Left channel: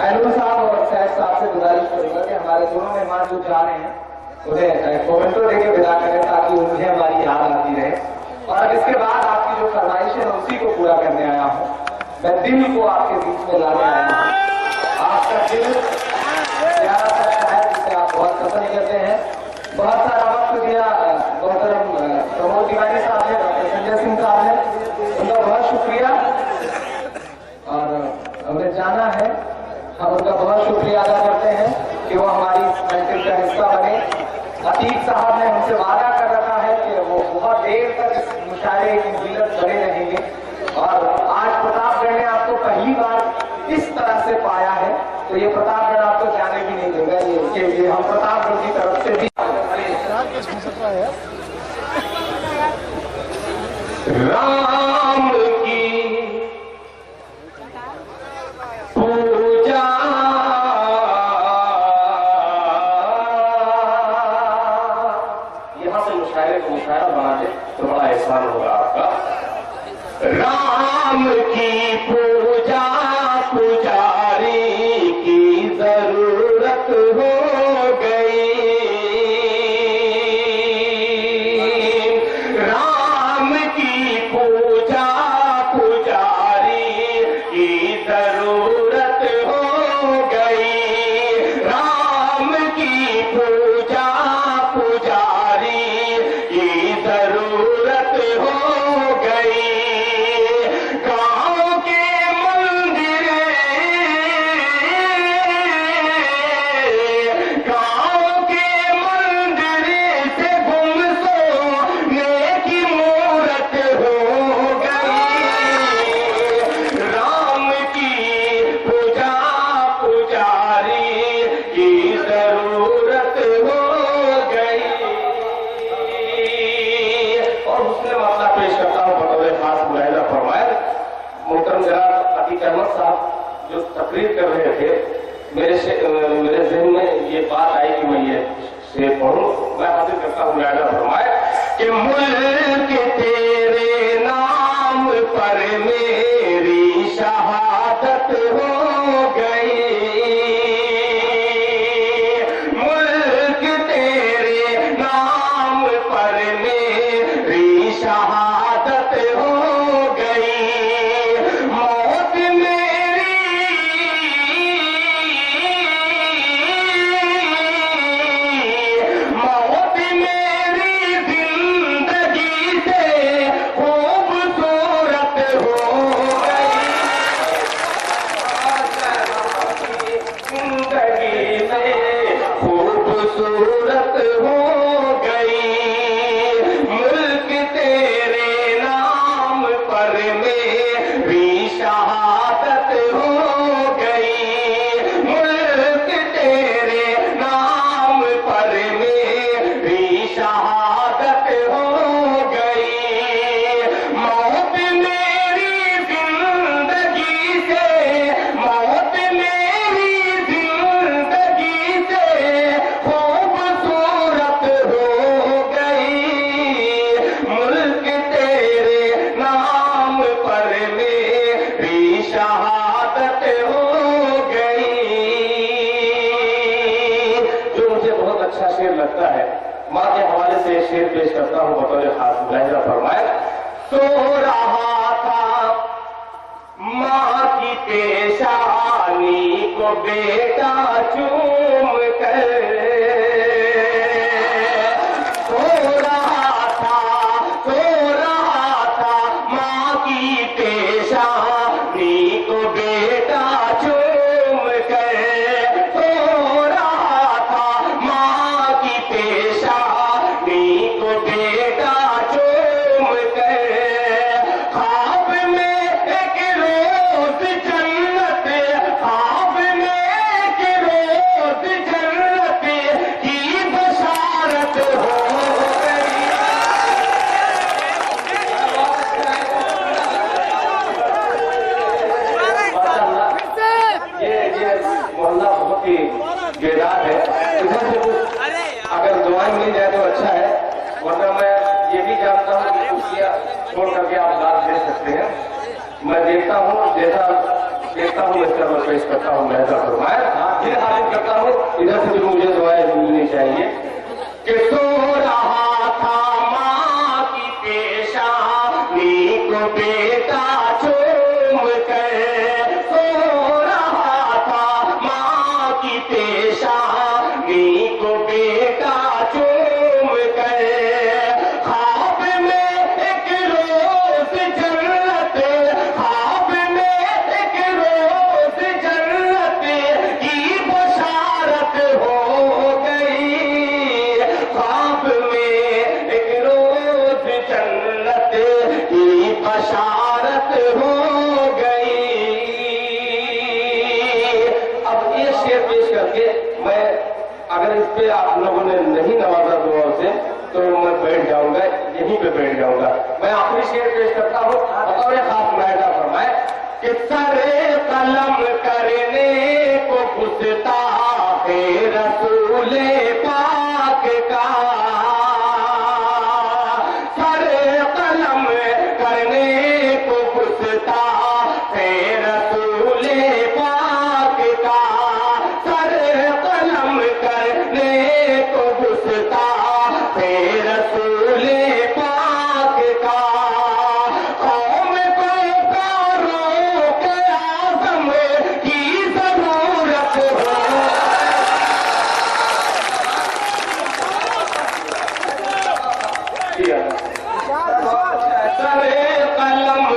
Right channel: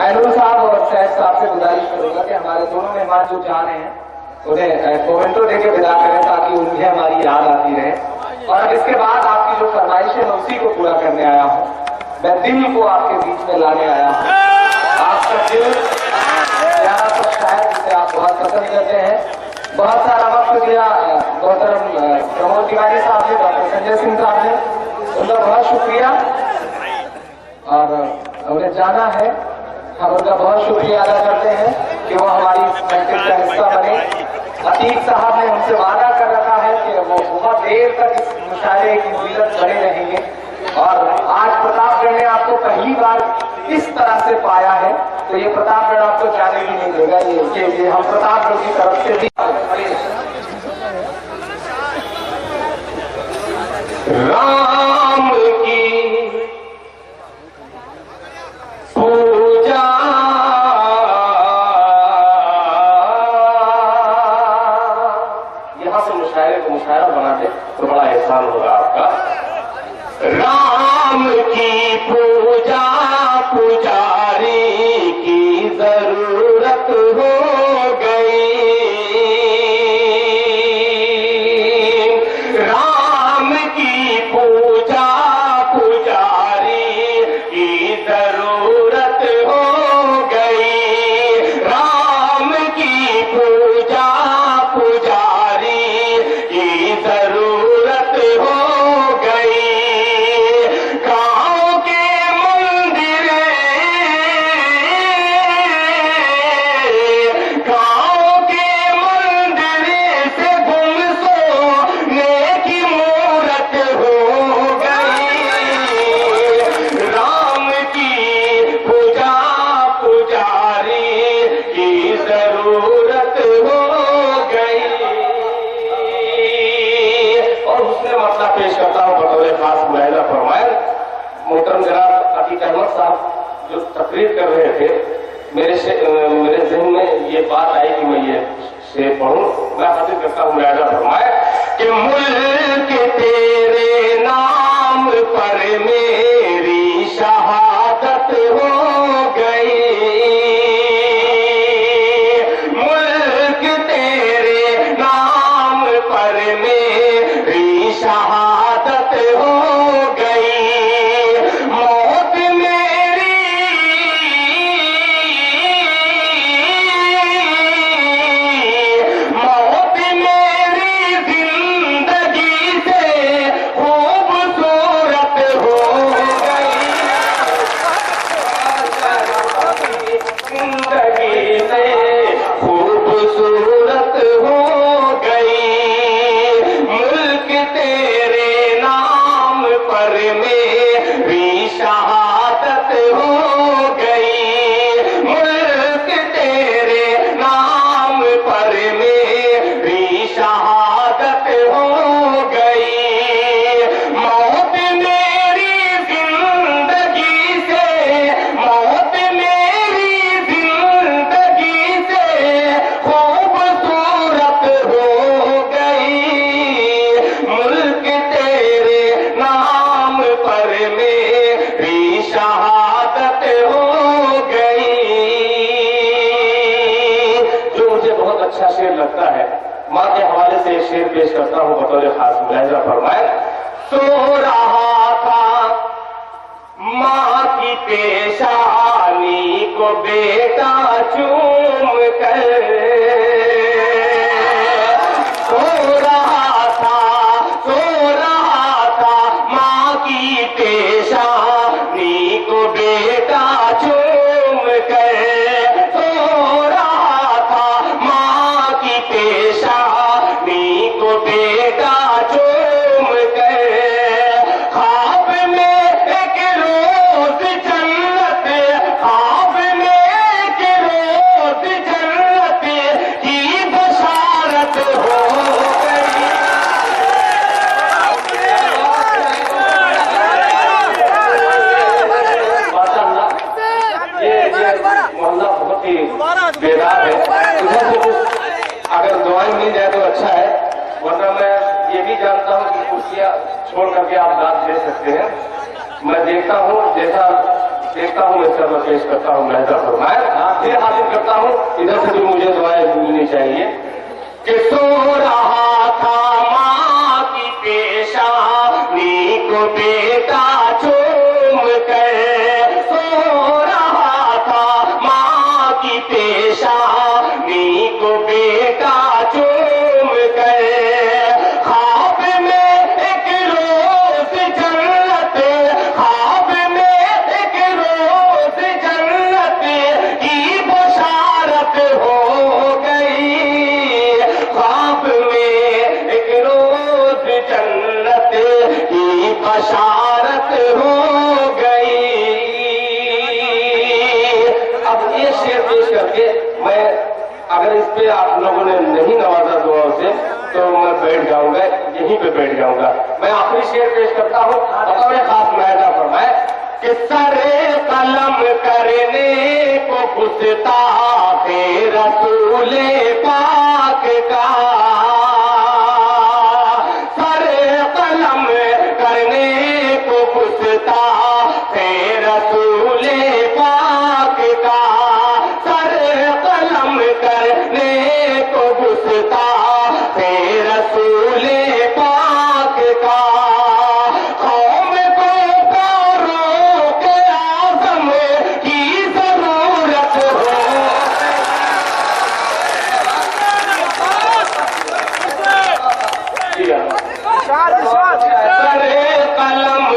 ऐनुल साहब और सैफ साहब से गुजारिश करूंगा कि हमारे दोनों मेहमान जो जा रहे हैं उन्हें मोमेंटो देके विदा करें ताकि उन्हें हमारी याद आती रहे। और अब इसके बाद आपकी जो फरमाइश है उसी को पूरा करने आया हूँ। मैं दिल को आपके बीच में लाने आया हूँ। आपका दिल प्यारा सा शायर जिसे आप बहुत पसंद करते हैं, बहुत सारा वक्त दिया मोहतरम प्रमोद तिवारी साहब ने, डॉक्टर संजय सिंह साहब ने, उनका बहुत शुक्रिया। और हमें जाना है, हम उनका बहुत शुक्रिया अदा करते हैं कि वो हमारी महफिल का हिस्सा बने। अतीक साहब ने हमसे वादा कर रखा है कि वो बहुत देर तक इस मुशायरे की जिल्लत बने रहेंगे। और आज प्रतापगढ़ ने आपको पहली बार इस तरह से पाया है, तो ये प्रतापगढ़ आपको जाने भी नहीं देगा। ये हम प्रतापगढ़ की तरफ से भी राम की पूजा यहां से मुशायरे को मुशायरा बना दे तो बड़ा एहसान होगा आपका। राम की पूजा पुजारी की जरूरत हो गई। राम की पूजा पुजारी की जरूरत हो गई। राम की पूजा पुजारी की जरूरत हो गई। गांव के मंदिर से गुमसोने की मूरत हो गई। राम की पूजा पुजारी की जरूरत हो गई। और उसने मसला पेश करता हूं बतौर खास मुलाहिजा फरमाया। मोहतरम जनाब अतीक अहमद साहब जो तकरीर कर रहे थे, मेरे जहन में ये बात आई कि मैं ये शेर पढ़ूं। मैं हाजिर करता हूं मुलाहिजा फरमाया कि मुल्क तेरे नाम पर मेरी शहादत हो गई। मुल्क तेरे नाम पर मेरी शहादत हो गई। मौत मेरी जिंदगी से खूबसूरत हो गई। जिंदगी से खूबसूरत हो गई। मुल्क तेरे नाम पर मेरी शहादत हो गई। मुल्क तेरे नाम पर मेरी शहादत हो गई। मौत मेरी जिंदगी से खूबसूरत हो गई। मुल्क तेरे नाम पर मेरी शहादत हो गई। जो मुझे बहुत अच्छा शेर लगता है, माँ के हवाले से शेर पेश करता हूँ बतौर खास मुलाहिजा फरमाए। सो रहा था माँ की पेशानी को बेटा चूम कर। सो रहा था माँ की पेशानी को बेटा चूम कर। सो रहा था माँ की पेशानी को बेटा चूम कर। ख्वाब में एक रोज जन्नत की बशारत हो गई। मोहल्ला बहुत ही बेदार है। इधर से कुछ अगर दुआएं मिल जाए तो अच्छा है, वरना मैं ये भी जानता हूँ कि कुर्सियां छोड़ करके आप दाद दे सकते हैं। मैं देखता हूँ जैसा देखता हूँ, मैं सर्वर पेश करता हूँ, मैं फरमाए फिर हाजिर करता हूँ। इधर से भी मुझे दुआएं मिलनी चाहिए कि सो रहा था माँ की पेशानी को बेटा चूम कर, सो रहा था माँ की पेशानी को बेटा चूम कर, ख्वाब में एक रोज जन्नत, ख्वाब में एक रोज जन्नत की बशारत हो गई, ख्वाब में एक रोज जन्नत की बशारत हो गई। अब ये शेर पेश करके मैं, अगर इस पे आप लोगों ने नहीं नवाजा दुआओं से तो मैं बैठ जाऊंगा, यहीं पे बैठ जाऊंगा। मैं आखिरी शेर पेश करता हूँ और एक खास महजा फरमाए कि सरे कलम करने को गुस्ताखे रसूले पाक का, सरे कलम करने को गुस्ताखे रसूले पाक का, सरे कलम करने को गुस्ताखे रसूले पाक का, कौम को फारूक आज़म की जरूरत हो। सरे कलम